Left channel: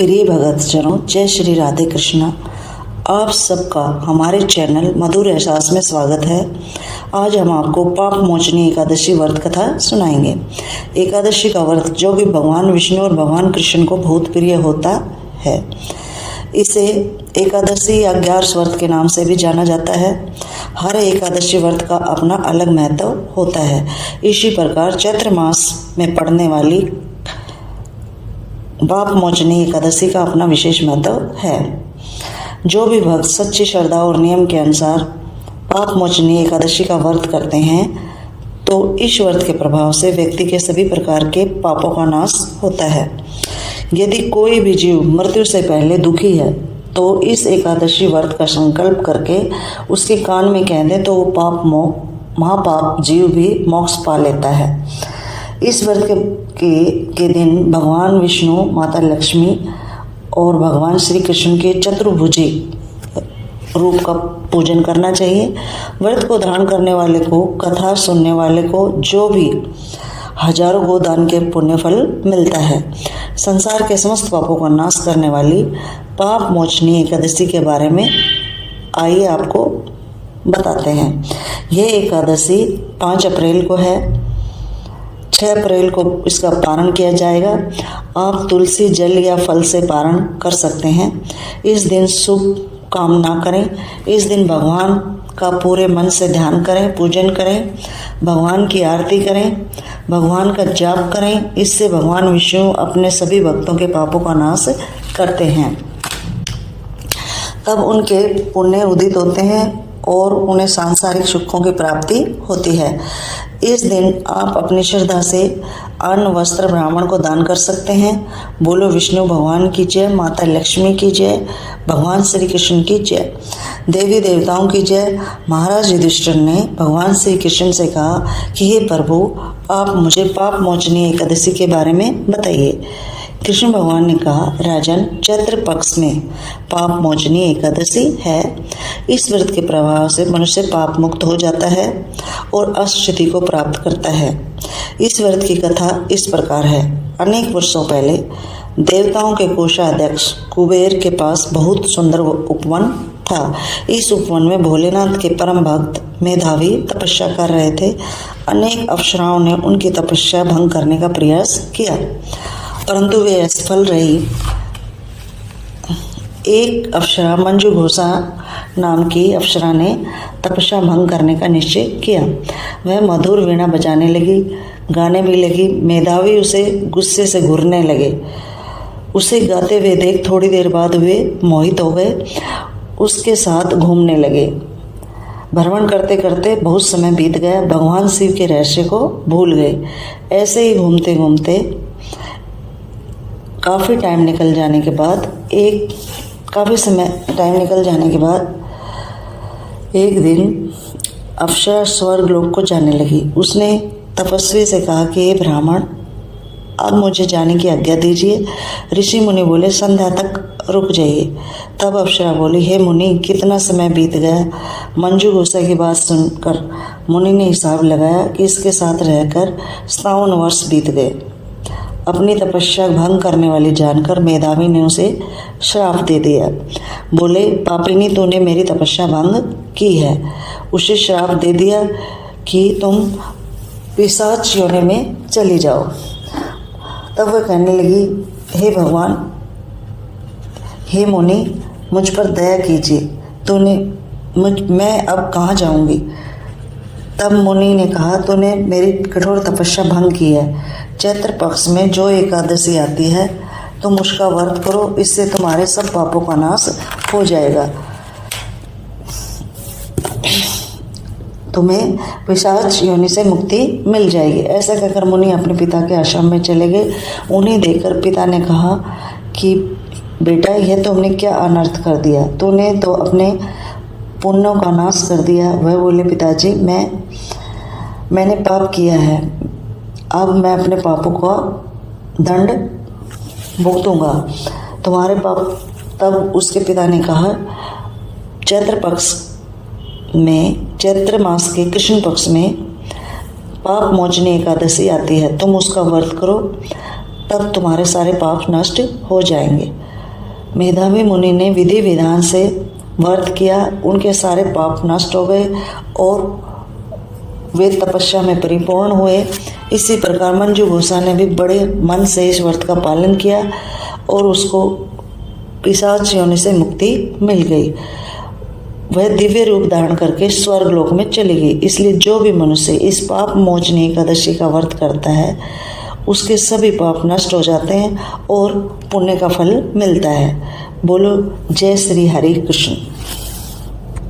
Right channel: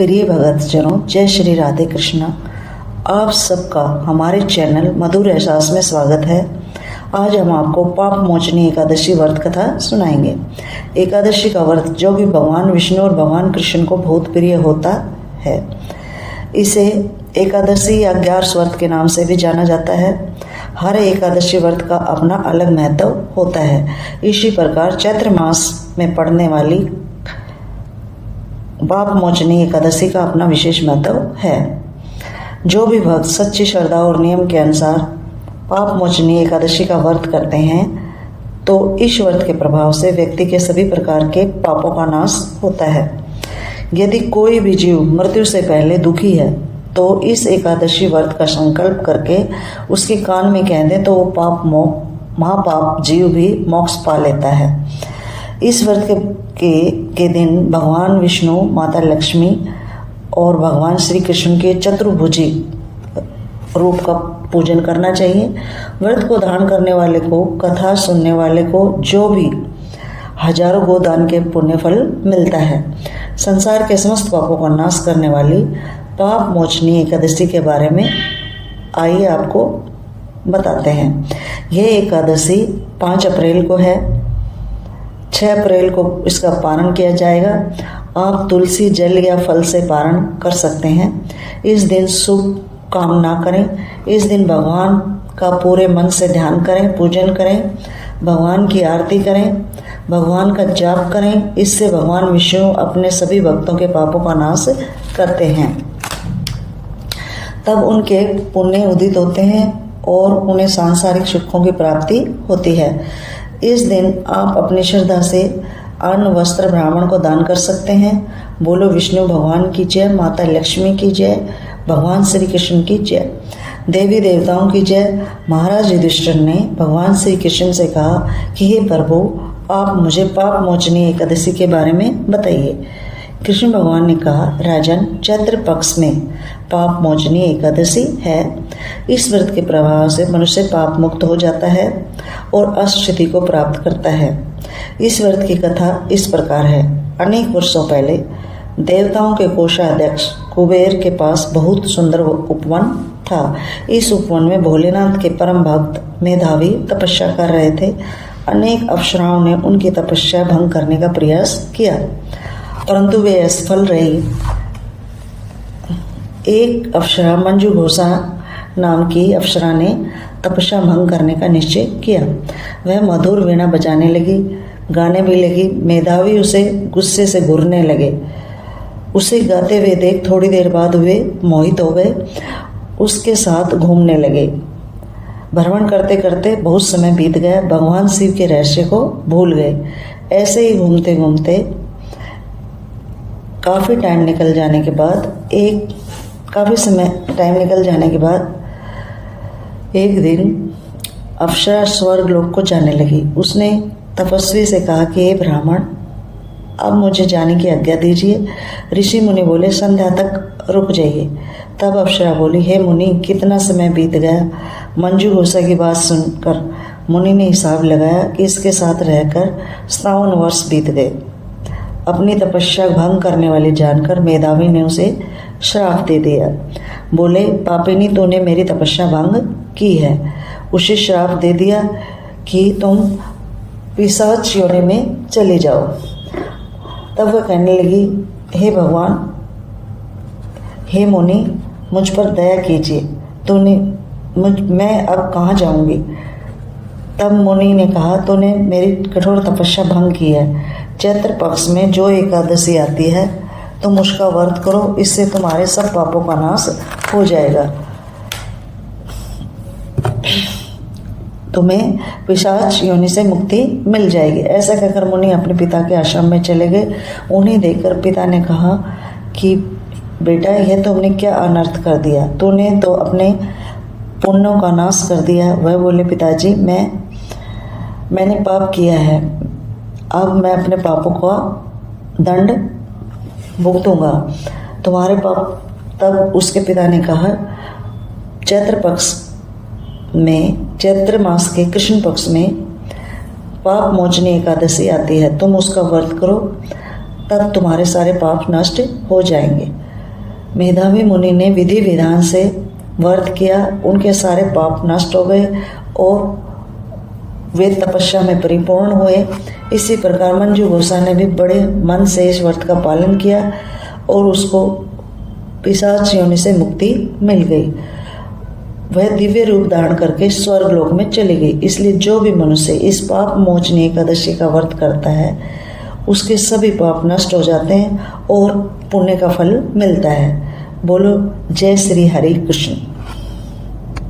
प्रिय भक्तजनों, जय श्री राधे कृष्णा। आप सबका हमारे चैनल मधुर एहसास में स्वागत है। आज हम आपको पाप मोचनी एकादशी व्रत कथा सुनाएंगे। एकादशी का व्रत जो कि भगवान विष्णु और भगवान कृष्ण को बहुत प्रिय होता है, इसे एकादशी या ग्यारस व्रत के नाम से भी जाना जाता है। हर एकादशी व्रत का अपना अलग महत्व होता है। इसी प्रकार चैत्र मास में पड़ने वाली पाप मोचनी एकादशी का अपना विशेष महत्व है। जो भी भक्त सच्ची श्रद्धा और नियम के अनुसार पाप मोचनी एकादशी का व्रत करते हैं तो इस व्रत के प्रभाव से व्यक्ति के सभी प्रकार के पापों का नाश होता है। यदि कोई भी जीव मृत्यु से पहले दुखी है तो इस एकादशी व्रत का संकल्प करके उसके कान में कह दे तो वो महापाप जीव भी मोक्ष पा लेता है। इस व्रत के दिन भगवान विष्णु, माता लक्ष्मी और भगवान श्री कृष्ण के चतुर्भुजी रूप का पूजन करना चाहिए। व्रत को धारण करने वाले को, कथा सुनने वाले को जो भी हजारों गोदान के पुण्य फल मिलता है। संसार के समस्त पापों का नाश करने वाली पाप मोचनी एकादशी के बारे में आइए आपको बताते हैं। यह एकादशी 5 अप्रैल को है। 6 अप्रैल को इसका पारण किया जाएगा। आप तुलसी जल या फल से पारण कर सकते हैं। इस दिन शुभ काम ना करें। इस दिन भगवान का पूरे मन से ध्यान करें, पूजन करें, भगवान की आरती करें, भगवान का जाप करें। इससे भगवान विष्णु अपने सभी भक्तों के पापों का नाश करते हैं। तब उनके पुण्य उदित होते हैं और उन्हें सांसारिक सुखों की प्राप्ति होती है। इस दिन आप अपनी श्रद्धा से अन्न वस्त्र ब्राह्मण को दान कर सकते हैं। बोलो विष्णु भगवान की जय, माता लक्ष्मी की जय, भगवान श्री कृष्ण की जय, देवी देवताओं की जय। महाराज युधिष्ठिर ने भगवान श्री कृष्ण से कहा कि हे प्रभु, आप मुझे पाप मोचनी एकादशी के बारे में बताइए। कृष्ण भगवान ने कहा, राजन, चैत्र पक्ष में पाप मोचनी एकादशी है। इस व्रत के प्रभाव से मनुष्य पाप मुक्त हो जाता है और अष्टसिद्धि को प्राप्त करता है। इस व्रत की कथा इस प्रकार है। अनेक वर्षों पहले देवताओं के कोषाध्यक्ष कुबेर के पास बहुत सुंदर उपवन था। इस उपवन में भोलेनाथ के परम भक्त मेधावी तपस्या कर रहे थे। अनेक अप्सराओं ने उनकी तपस्या भंग करने का प्रयास किया, परंतु वे असफल रही। एक अप्सरा, मंजू घोषा नाम की अप्सरा ने तपस्या भंग करने का निश्चय किया। वह मधुर वीणा बजाने लगी, गाने भी लगी। मेधावी उसे गुस्से से घूरने लगे। उसे गाते हुए देख थोड़ी देर बाद वे मोहित हो गए, उसके साथ घूमने लगे। भ्रमण करते करते बहुत समय बीत गया। भगवान शिव के रहस्य को भूल गए। ऐसे ही घूमते घूमते काफ़ी टाइम निकल जाने के बाद एक दिन अप्सरा स्वर्ग लोक को जाने लगी। उसने तपस्वी से कहा कि हे ब्राह्मण, अब मुझे जाने की आज्ञा दीजिए। ऋषि मुनि बोले, संध्या तक रुक जाइए। तब अप्सरा बोली, हे मुनि, कितना समय बीत गया। मंजू घोषा की बात सुनकर मुनि ने हिसाब लगाया कि इसके साथ रहकर 57 वर्ष बीत गए। अपनी तपस्या भंग करने वाली जानकर मेधावी ने उसे श्राप दे दिया। बोले, पापिनी, तूने मेरी तपस्या भंग की है। उसे श्राप दे दिया कि तुम पिशाच योनि में चले जाओ। तब वह कहने लगी, हे भगवान, हे मुनि, मुझ पर दया कीजिए। मैं अब कहाँ जाऊंगी। तब मुनि ने कहा, तूने मेरी कठोर तपस्या भंग की है। चैत्र पक्ष में जो एकादशी आती है तुम उसका व्रत करो, इससे तुम्हारे सब पापों का नाश हो जाएगा। तुम्हें पिशाच योनि से मुक्ति मिल जाएगी। ऐसा कहकर मुनि अपने पिता के आश्रम में चले गए। उन्हें देखकर पिता ने कहा कि बेटा, यह तुमने क्या अनर्थ कर दिया। तूने तो अपने पुण्यों का नाश कर दिया। वह बोले, पिताजी, मैंने पाप किया है। अब मैं अपने पापों का दंड भुगतूंगा। तुम्हारे पाप। तब उसके पिता ने कहा, चैत्र मास के कृष्ण पक्ष में पाप मोचनी एकादशी आती है। तुम उसका व्रत करो, तब तुम्हारे सारे पाप नष्ट हो जाएंगे। मेधावी मुनि ने विधि विधान से व्रत किया, उनके सारे पाप नष्ट हो गए और वे तपस्या में परिपूर्ण हुए। इसी प्रकार मंजू घोषा ने भी बड़े मन से इस व्रत का पालन किया और उसको पिशाच योनि से मुक्ति मिल गई। वह दिव्य रूप धारण करके स्वर्ग लोक में चली गई। इसलिए जो भी मनुष्य इस पाप मोचनी एकादशी का व्रत करता है उसके सभी पाप नष्ट हो जाते हैं और पुण्य का फल मिलता है। बोलो जय श्री हरि कृष्ण।